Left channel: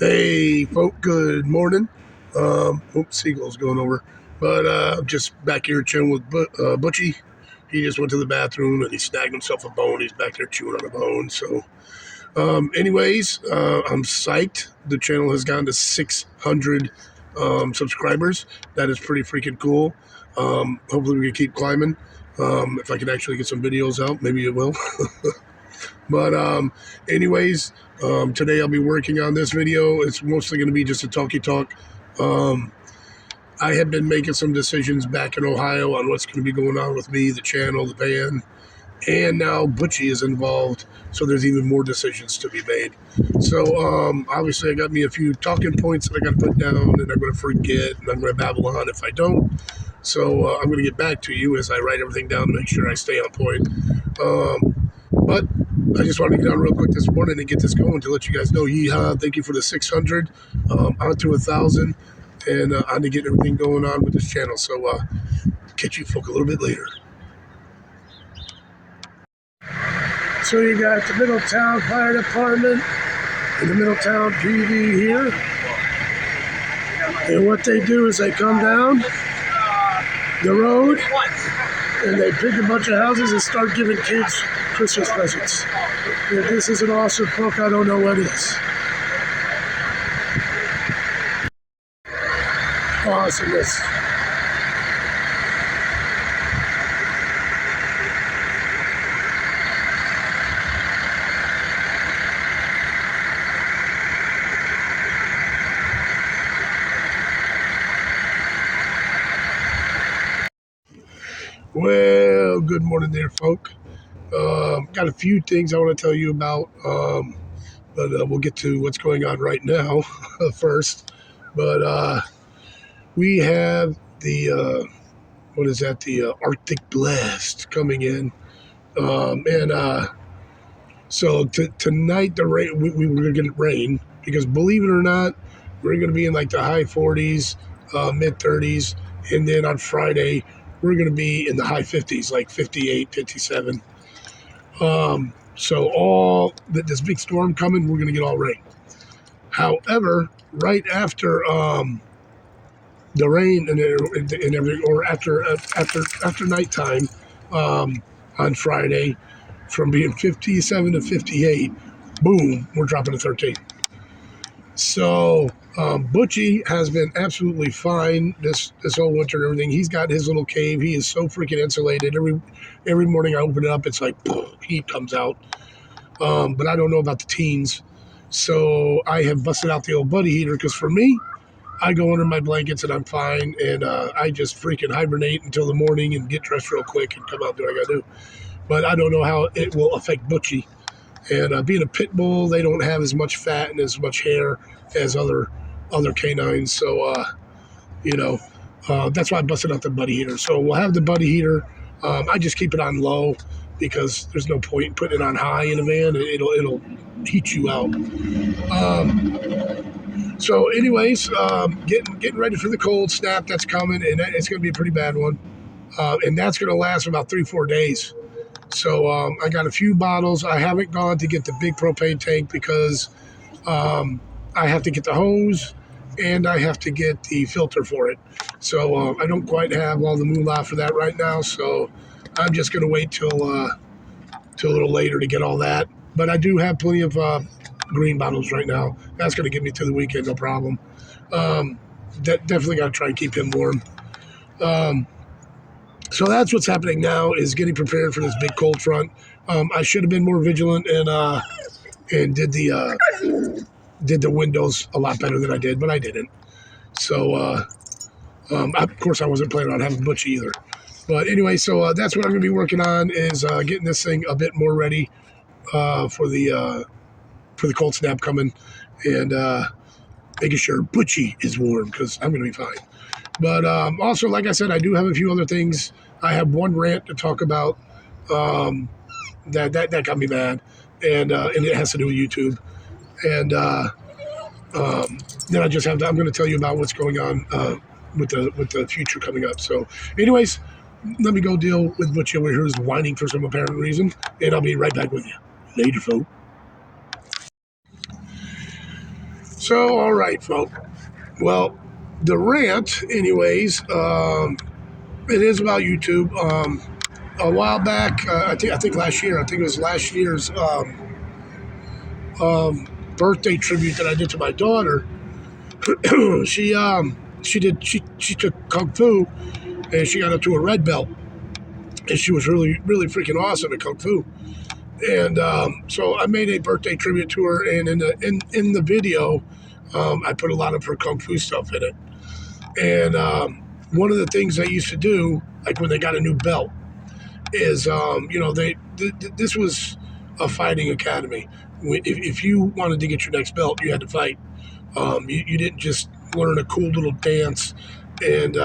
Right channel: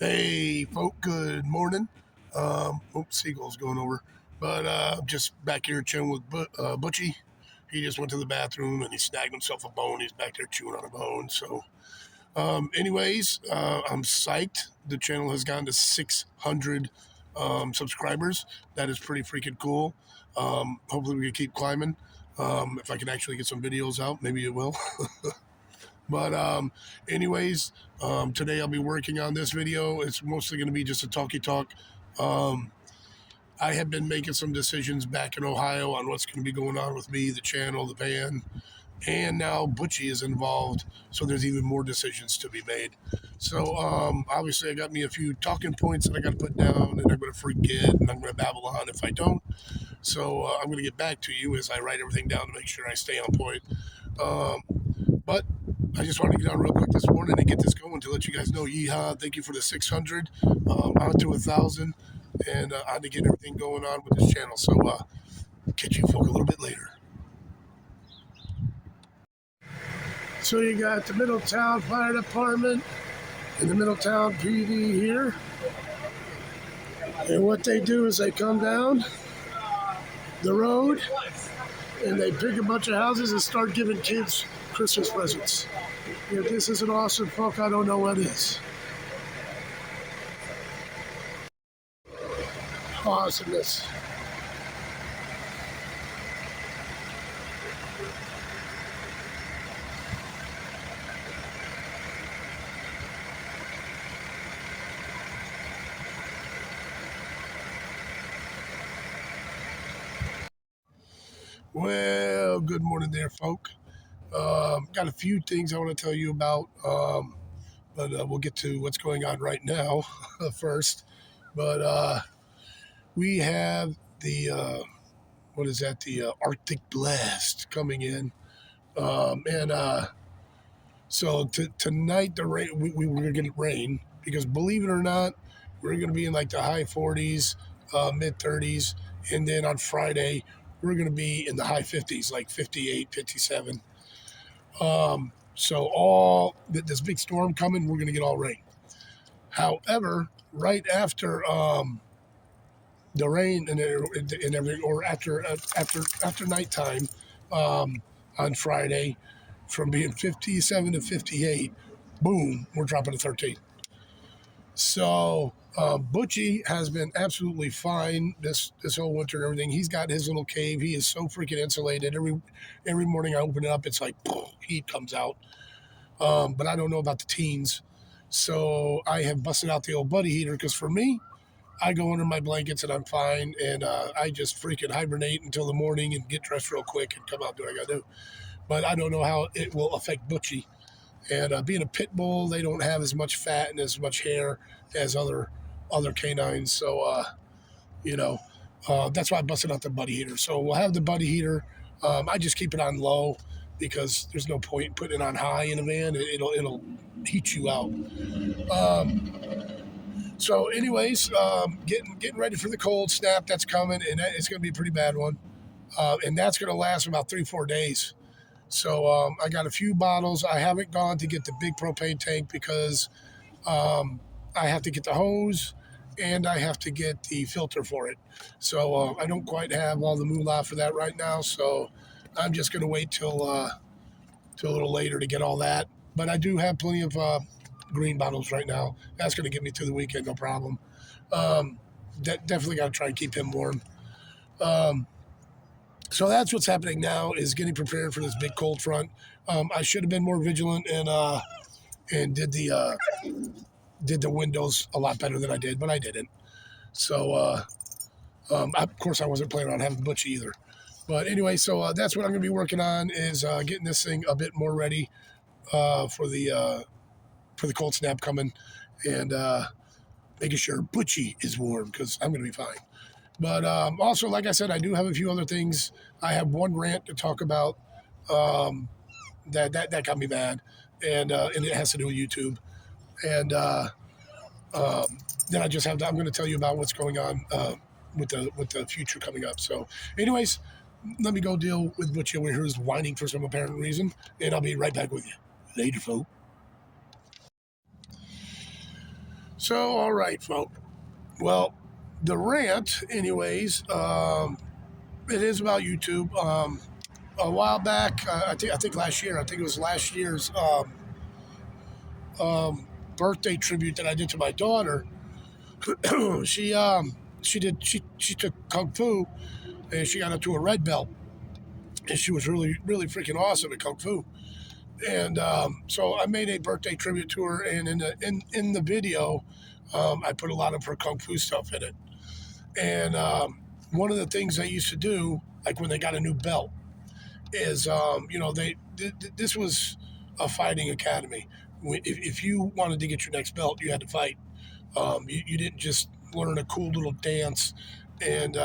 Hey, folk, good morning. Oops, seagull's going over. But I'm just back here chilling with Butchie. He just went to the bathroom and he snagged himself a bone. He's back there chewing on a bone. So, anyways, I'm psyched. The channel has gone to 600 subscribers. That is pretty freaking cool. Hopefully, we can keep climbing. If I can actually get some videos out, maybe it will. But anyways, today I'll be working on this video. It's mostly going to be just a talky talk. Um, I have been making some decisions back in Ohio on what's going to be going on with me, the channel, the band, and now Butchie is involved, so there's even more decisions to be made. So obviously I got me a few talking points that I got to put down, and I'm going to forget, and I'm going to babble on if I don't. So I'm going to get back to you as I write everything down to make sure I stay on point. But I just wanted to get on real quick this morning and get this going to let you guys know, yeehaw, thank you for the 600, on to 1,000, and on to get everything going on with this channel. So catch you folk a little bit later. So you got the Middletown Fire Department and the Middletown PD here. And what they do is they come down the road and they pick a bunch of houses and start giving kids Christmas presents. If this isn't awesome, folk, I don't know what is. Awesomeness. Well, good morning there, folk. Got a few things I want to tell you about, but we'll get to what's going on right now first. But we have the the Arctic blast coming in, and so tonight the rain we were gonna get rain because believe it or not, we're gonna be in like the high 40s, mid 30s, and then on Friday we're gonna be in the high 50s, like 58, 57. So all this big storm coming, we're gonna get all rain. However, right after the rain and everything, or after nighttime, on Friday, from being 57 to 58, boom, we're dropping to 13. So Butchie has been absolutely fine this whole winter and everything. He's got his little cave. He is so freaking insulated. Every morning I open it up, it's like heat comes out. But I don't know about the teens. So I have busted out the old buddy heater because for me, I go under my blankets and I'm fine. And I just freaking hibernate until the morning and get dressed real quick and come out and do what I got to do. But I don't know how it will affect Butchie. And being a pit bull, they don't have as much fat and as much hair as other canines. So, that's why I busted out the buddy heater. So we'll have the buddy heater. I just keep it on low because there's no point in putting it on high in a van. It'll heat you out. So anyways, getting ready for the cold snap that's coming, and it's going to be a pretty bad one. And that's going to last about 3-4 days. So I got a few bottles. I haven't gone to get the big propane tank because I have to get the hose and I have to get the filter for it. So I don't quite have all the moolah for that right now. So I'm just going to wait till a little later to get all that. But I do have plenty of green bottles right now. That's going to get me through the weekend, no problem. Definitely got to try and keep him warm. So that's what's happening now, is getting prepared for this big cold front. I should have been more vigilant and did the windows a lot better than I did, but I didn't. So of course I wasn't planning on having Butch either. But anyway, so that's what I'm going to be working on, is getting this thing a bit more ready for the cold snap coming, and making sure Butchie is warm because I'm going to be fine. But also, like I said, I do have a few other things. I have one rant to talk about that got me mad, and it has to do with YouTube. And then I'm going to tell you about what's going on with the future coming up. So, anyways, let me go deal with Butchie over here, who's whining for some apparent reason, and I'll be right back with you later, folks. So, all right, folks. Well, the rant, anyways, it is about YouTube. A while back, I think last year. I think it was last year's birthday tribute that I did to my daughter. She took kung fu and she got up to a red belt, and she was really freaking awesome at kung fu. And so I made a birthday tribute to her, and in the video, I put a lot of her kung fu stuff in it. And one of the things I used to do, like when they got a new belt, is this was a fighting academy. If you wanted to get your next belt, you had to fight. You didn't just learn a cool little dance and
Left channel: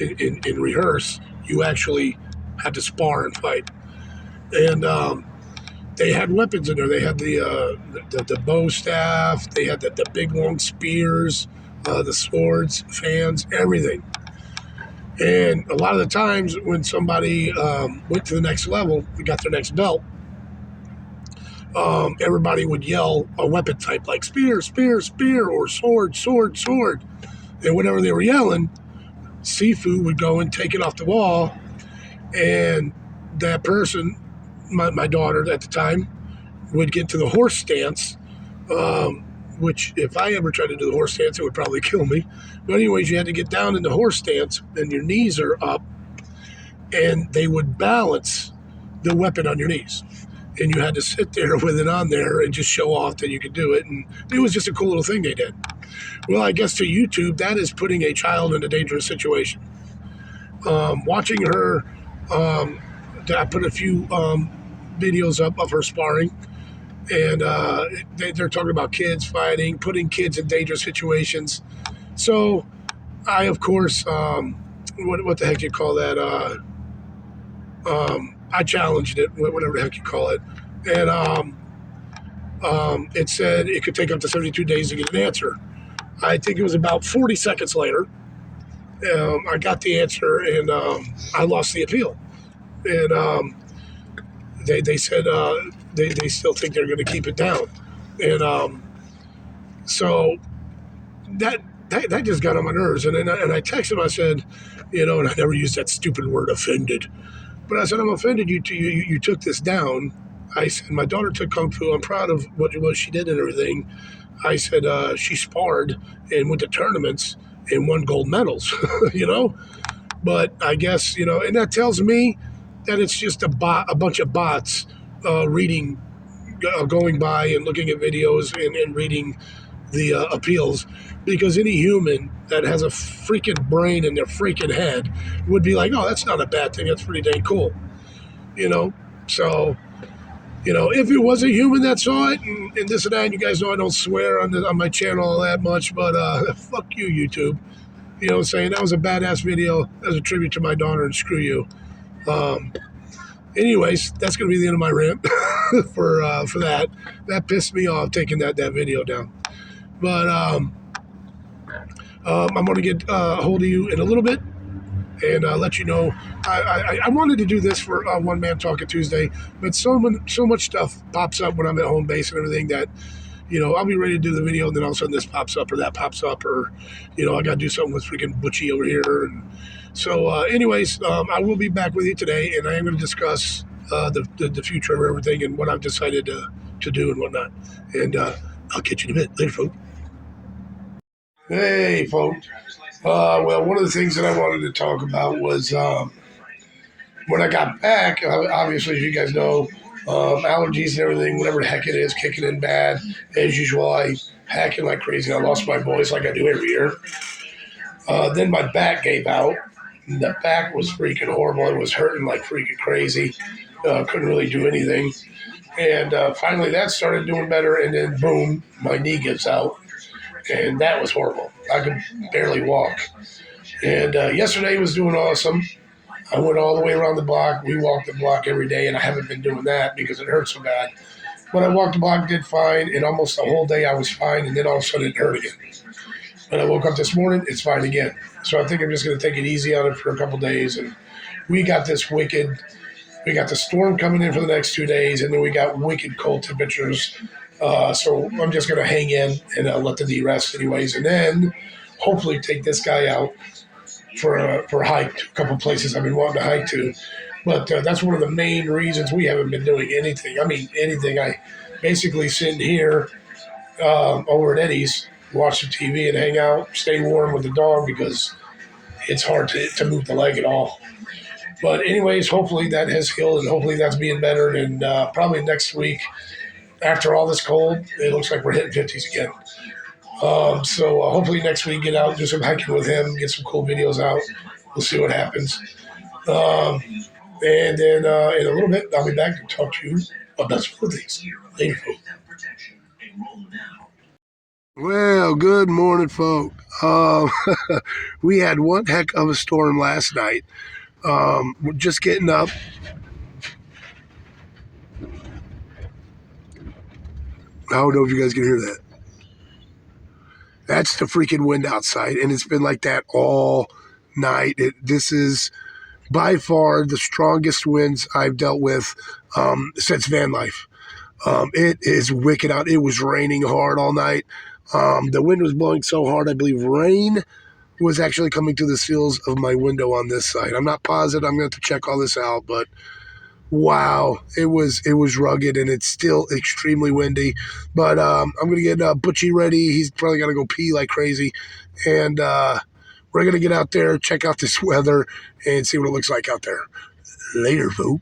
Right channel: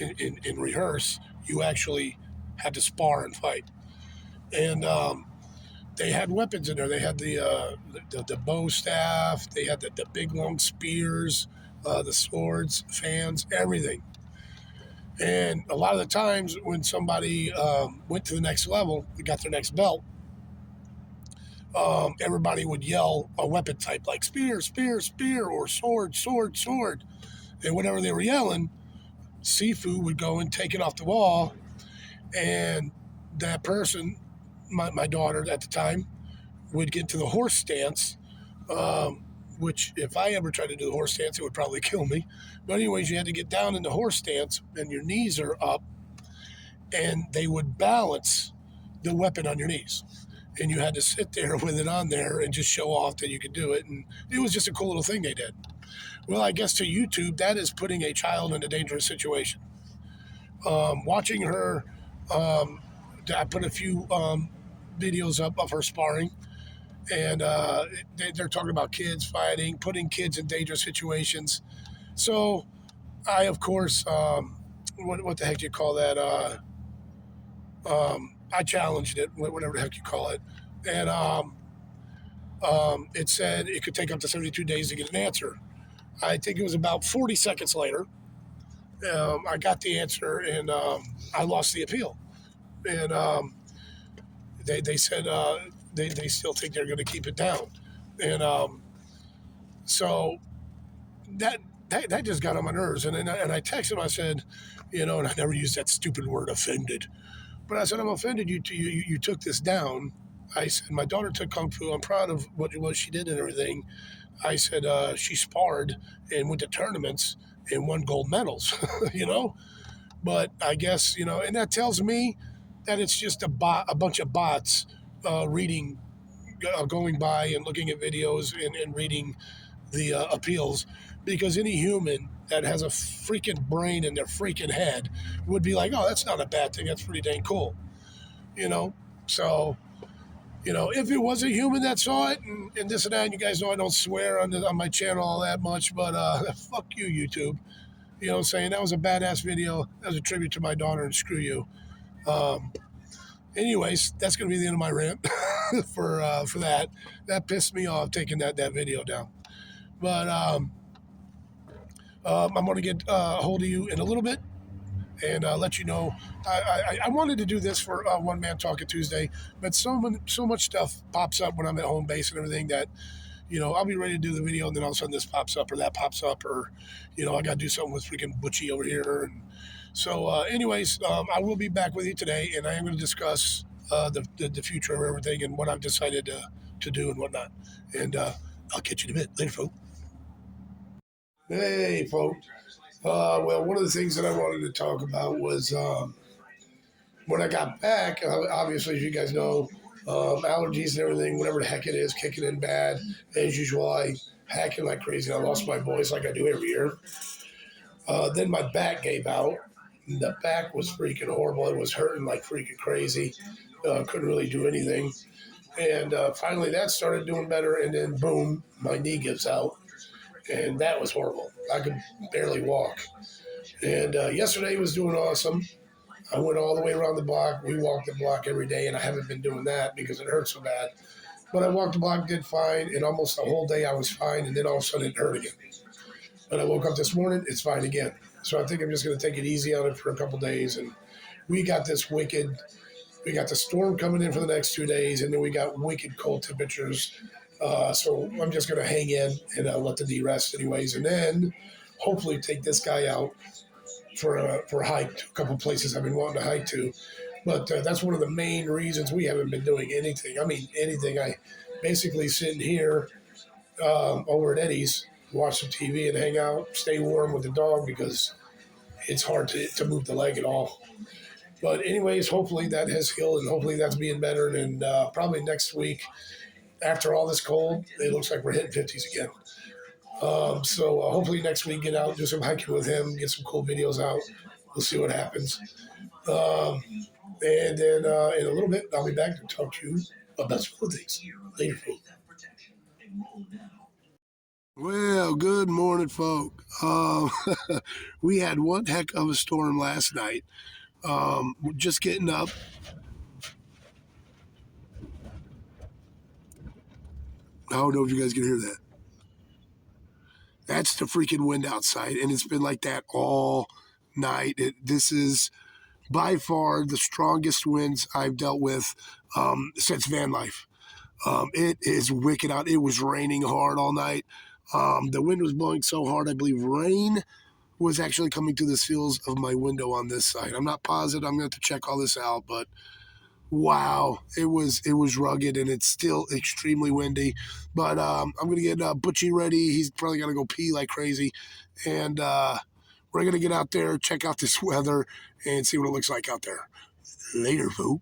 in rehearse. You actually had to spar and fight. And they had weapons in there. They had the bow staff. They had the big long spears, the swords, fans, everything. And a lot of the times when somebody went to the next level, we got their next belt, everybody would yell a weapon type like spear, spear, spear, or sword, sword, sword. And whenever they were yelling, Sifu would go and take it off the wall. And that person, my daughter at the time, would get to the horse stance, which if I ever tried to do the horse stance, it would probably kill me. But anyways, you had to get down in the horse stance and your knees are up, and they would balance the weapon on your knees. And you had to sit there with it on there and just show off that you could do it. And it was just a cool little thing they did. Well, I guess to YouTube, that is putting a child in a dangerous situation. Watching her, I put a few videos up of her sparring, and they're talking about kids fighting, putting kids in dangerous situations. So I, of course, what the heck you call that? I challenged it, whatever the heck you call it, and it said it could take up to 72 days to get an answer. I think it was about 40 seconds later, I got the answer, and I lost the appeal. And they said they still think they're going to keep it down. And so that just got on my nerves. And I texted him, I said, and I never used that stupid word offended. But I said, I'm offended you took this down. I said, my daughter took Kung Fu. I'm proud of what she did and everything. I said, she sparred and went to tournaments and won gold medals, But I guess, and that tells me that it's just a bunch of bots reading, going by and looking at videos and reading the appeals, because any human that has a freaking brain in their freaking head would be like, oh, that's not a bad thing. That's pretty dang cool. So, if it was a human that saw it and this and that, and you guys know I don't swear on my channel all that much, but fuck you, YouTube. You know what I'm saying? That was a badass video. That was a tribute to my daughter, and screw you. Anyways, that's going to be the end of my rant for that. That pissed me off taking that video down. But I'm going to get a hold of you in a little bit and let you know. I wanted to do this for One Man Talking Tuesday, but so much stuff pops up when I'm at home base and everything that, I'll be ready to do the video, and then all of a sudden this pops up or that pops up, or, I got to do something with freaking Butchie over here. And so, anyways, I will be back with you today, and I am going to discuss the future of everything and what I've decided to do and whatnot. And I'll catch you in a bit. Later, folks. Hey, folks. Well, one of the things that I wanted to talk about was when I got back, obviously, as you guys know, allergies and everything, whatever the heck it is, kicking in bad. As usual, I hacking like crazy. I lost my voice like I do every year. Then my back gave out. The back was freaking horrible. It was hurting like freaking crazy. Couldn't really do anything. And finally that started doing better. And then boom, my knee gives out. And that was horrible. I could barely walk. And yesterday was doing awesome. I went all the way around the block. We walked the block every day, and I haven't been doing that because it hurt so bad. But I walked the block, did fine, and almost the whole day I was fine, and then all of a sudden it hurt again. When I woke up this morning, it's fine again. So I think I'm just going to take it easy on it for a couple days. And we got the storm coming in for the next 2 days, and then we got wicked cold temperatures So I'm just going to hang in and let the knee rest anyways. And then hopefully take this guy out for a hike to a couple places I've been wanting to hike to. But that's one of the main reasons we haven't been doing anything. I mean, anything. I basically sitting here over at Eddie's, watch the TV and hang out, stay warm with the dog because it's hard to move the leg at all. But anyways, hopefully that has healed and hopefully that's being better. And probably next week, after all this cold, it looks like we're hitting 50s again. So hopefully next week, get out, do some hiking with him, get some cool videos out. We'll see what happens. Um, and then in a little bit, I'll be back to talk to you about some other things. Later, folks. Well, good morning, folk. We had one heck of a storm last night. We're just getting up. I don't know if you guys can hear that. That's the freaking wind outside, and it's been like that all night. This is by far the strongest winds I've dealt with since van life. It is wicked out. It was raining hard all night. The wind was blowing so hard, I believe rain was actually coming to the seals of my window on this side. I'm not positive. I'm going to have to check all this out, but wow, it was rugged and it's still extremely windy. But I'm going to get Butchie ready. He's probably going to go pee like crazy. And we're going to get out there, check out this weather, and see what it looks like out there. Later, folk.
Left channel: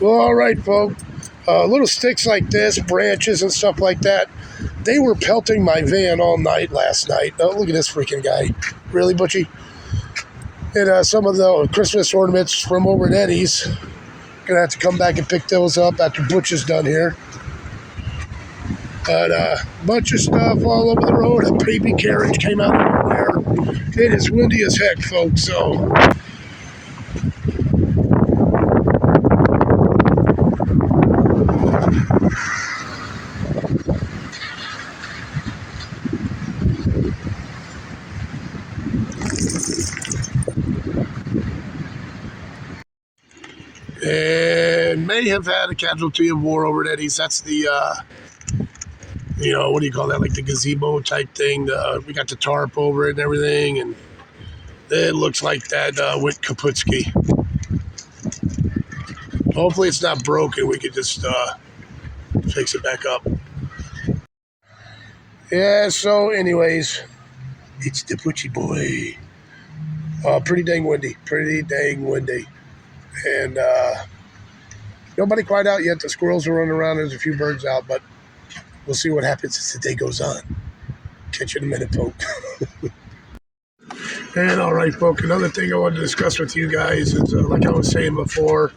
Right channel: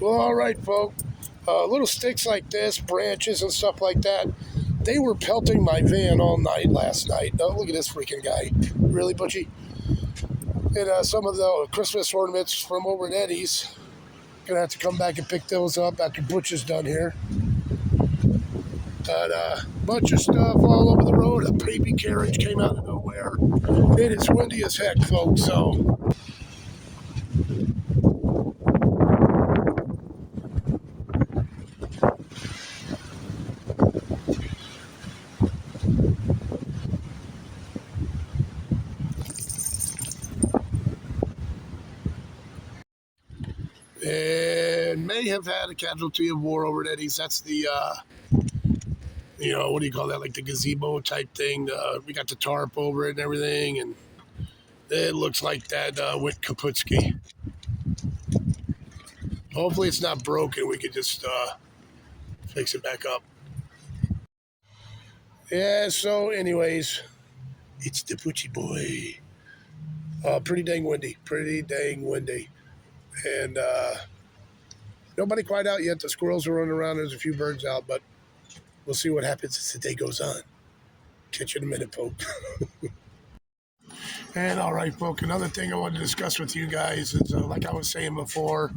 Well, all right, folk. Little sticks like this, branches and stuff like that, they were pelting my van all night last night. Oh, look at this freaking guy. Really, Butchie? And some of the Christmas ornaments from over at Eddie's. Gonna have to come back and pick those up after Butch is done here. But bunch of stuff all over the road. A baby carriage came out of nowhere. It is windy as heck, folks. So and may have had a casualty of war over at Eddie's. That's the what do you call that? Like the gazebo type thing. We got the tarp over it and everything, and it looks like that went kaputski. Hopefully it's not broken. We could just fix it back up. Yeah, so anyways, it's the Butchie boy. Pretty dang windy. And nobody quite out yet. The squirrels are running around. There's a few birds out, but we'll see what happens as the day goes on. Catch you in a minute, folks. And all right, folks, another thing I wanted to discuss with you guys is, like I was saying before,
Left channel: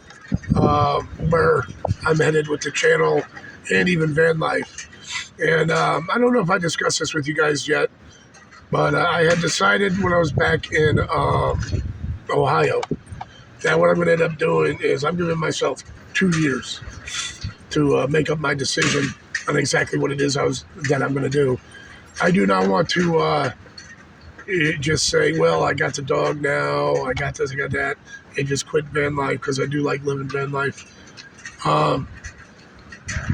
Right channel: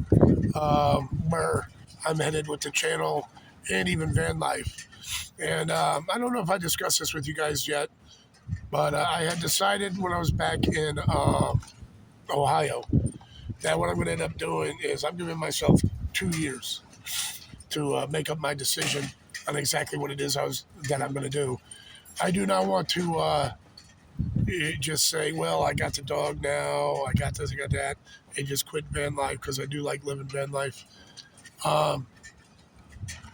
where I'm headed with the channel and even van life. And I don't know if I discussed this with you guys yet, but I had decided when I was back in Ohio that what I'm going to end up doing is I'm giving myself 2 years to make up my decision on exactly what it is that I'm going to do. I do not want to just say, well, I got the dog now, I got this, I got that, and just quit van life because I do like living van life.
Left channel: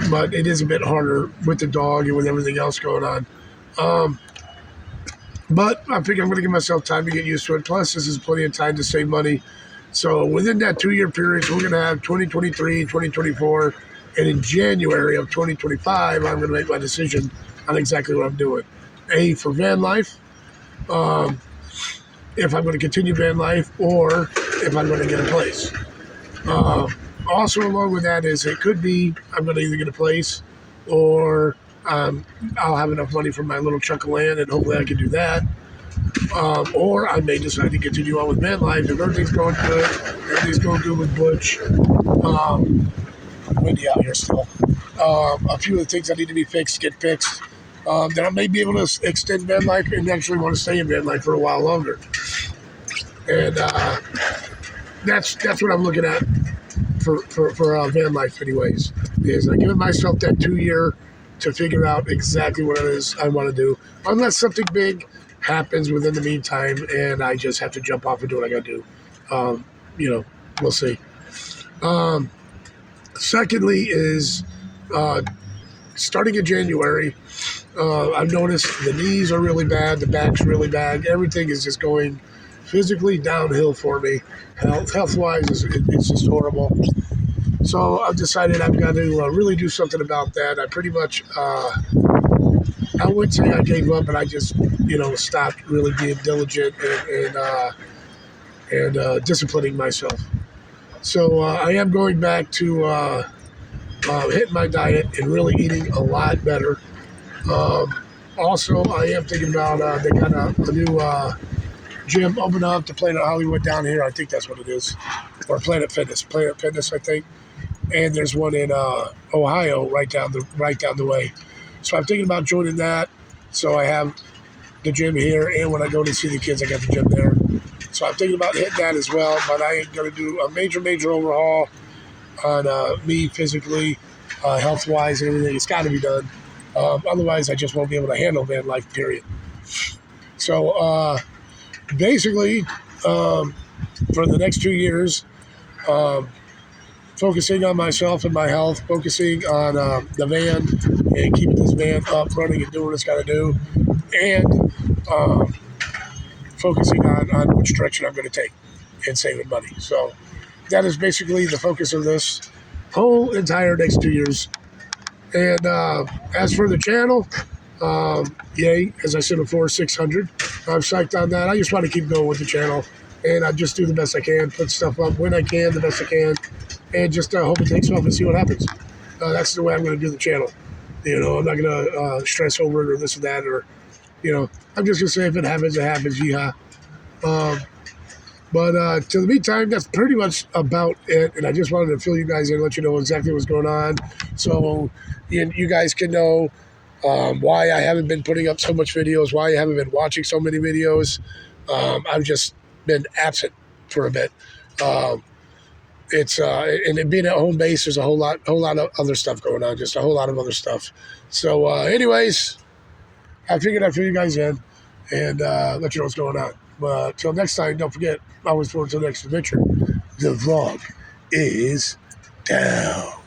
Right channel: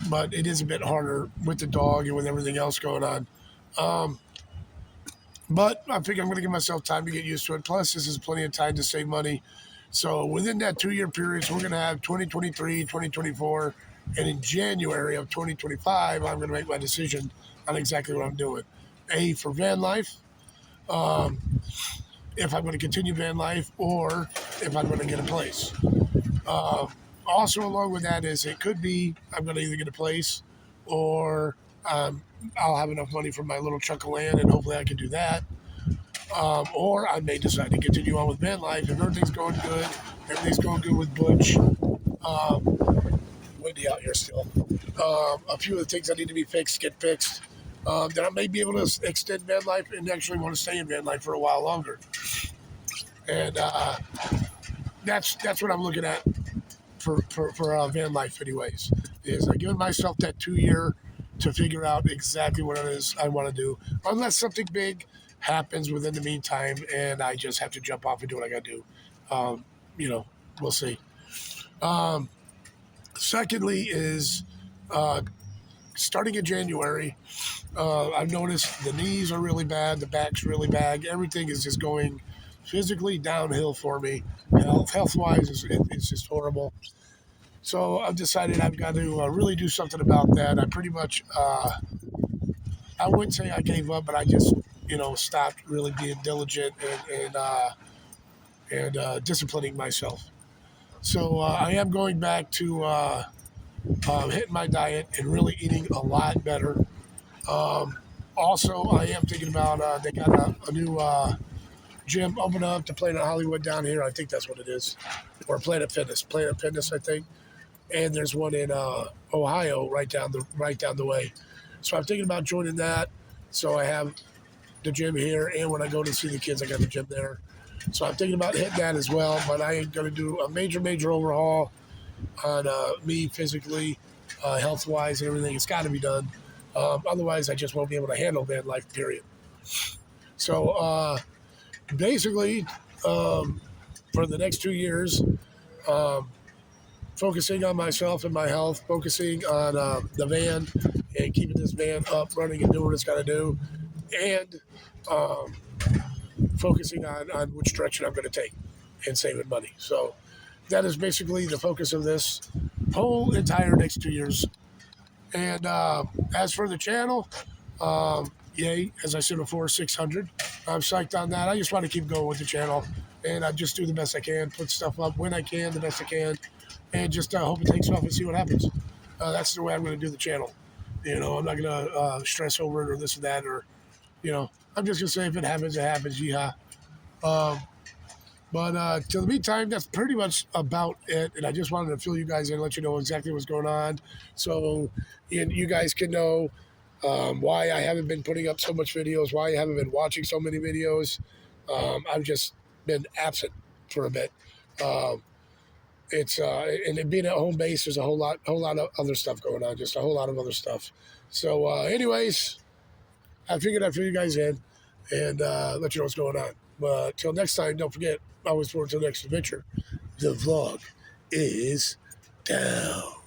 But it is a bit harder with the dog and with everything else going on. But I think I'm going to give myself time to get used to it. Plus, this is plenty of time to save money. So within that 2-year period, we're going to have 2023, 2024, and in January of 2025, I'm going to make my decision on exactly what I'm doing. A, for van life, if I'm going to continue van life, or if I'm going to get a place. Also, along with that is it could be I'm going to either get a place or I'll have enough money for my little chunk of land, and hopefully I can do that. Or I may decide to continue on with van life if everything's going good. Everything's going good with Butch. Windy out here still. A few of the things that need to be fixed get fixed. Then I may be able to extend van life and actually want to stay in van life for a while longer. And that's what I'm looking at for van life anyways, is I'm giving myself that 2 year to figure out exactly what it is I want to do, unless something big happens within the meantime and I just have to jump off and do what I got to do. We'll see. Secondly, is uh, starting in January, I've noticed the knees are really bad, the back's really bad. Everything is just going physically downhill for me. Health wise, it's just horrible. So I've decided I've got to really do something about that. I pretty much, I wouldn't say I gave up, but I just, stopped really being diligent and disciplining myself. So I am going back to hitting my diet and really eating a lot better. Um, Also, I am thinking about they got a new gym open up to Planet Hollywood down here. I think that's what it is, or Planet Fitness, I think. And there's one in Ohio, right down the way. So I'm thinking about joining that. So I have the gym here, and when I go to see the kids, I got the gym there. So I'm thinking about hitting that as well. But I ain't gonna do a major overhaul on me physically, health wise, and everything. It's got to be done. Otherwise, I just won't be able to handle van life. Period. So basically, um, for the next 2 years, um, focusing on myself and my health, focusing on the van and keeping this van up, running, and doing what it's got to do, and um, focusing on which direction I'm going to take and saving money. So that is basically the focus of this whole entire next 2 years. And as for the channel, yay, as I said before, 600. I'm psyched on that. I just want to keep going with the channel, and I just do the best I can, put stuff up when I can, the best I can, and just hope it takes off and see what happens. That's the way I'm going to do the channel. I'm not going to stress over it or this or that, or, I'm just going to say if it happens, it happens. Yeehaw. Um, but to the meantime, that's pretty much about it. And I just wanted to fill you guys in, let you know exactly what's going on, so you guys can know why I haven't been putting up so much videos, why I haven't been watching so many videos. I've just been absent for a bit. Um, it's and it being at home base, there's a whole lot of other stuff going on, just a whole lot of other stuff. So, anyways, I figured I'd fill you guys in and let you know what's going on. But till next time, don't forget, always forward to the next adventure. The vlog is down.